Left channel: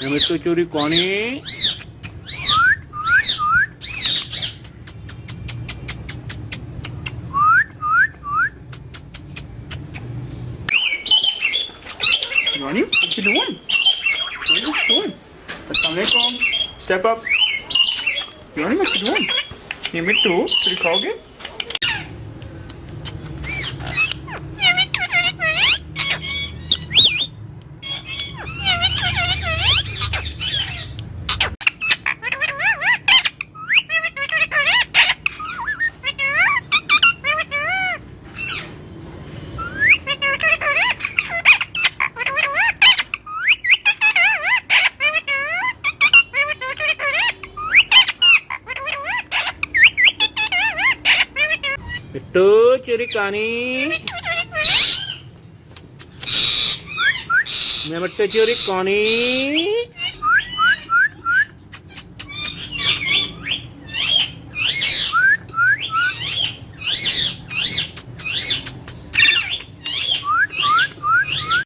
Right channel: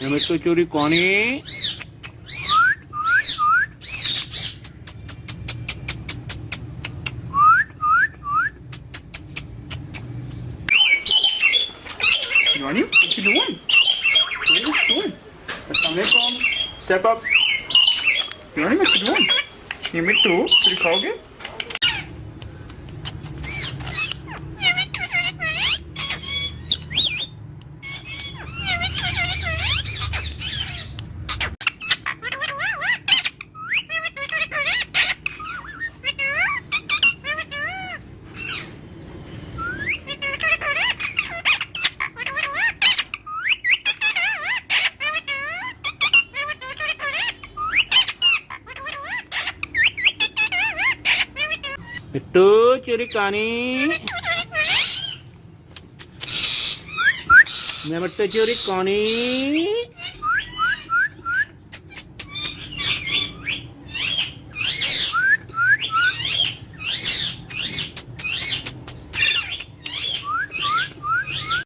mitho churi koni. Johnny, what you doing? What are you doing? Assalamualaikum. Step up. Johnny, what you doing? You mitho churi खाओगे? Mitho curi kani. Mitho curi kani.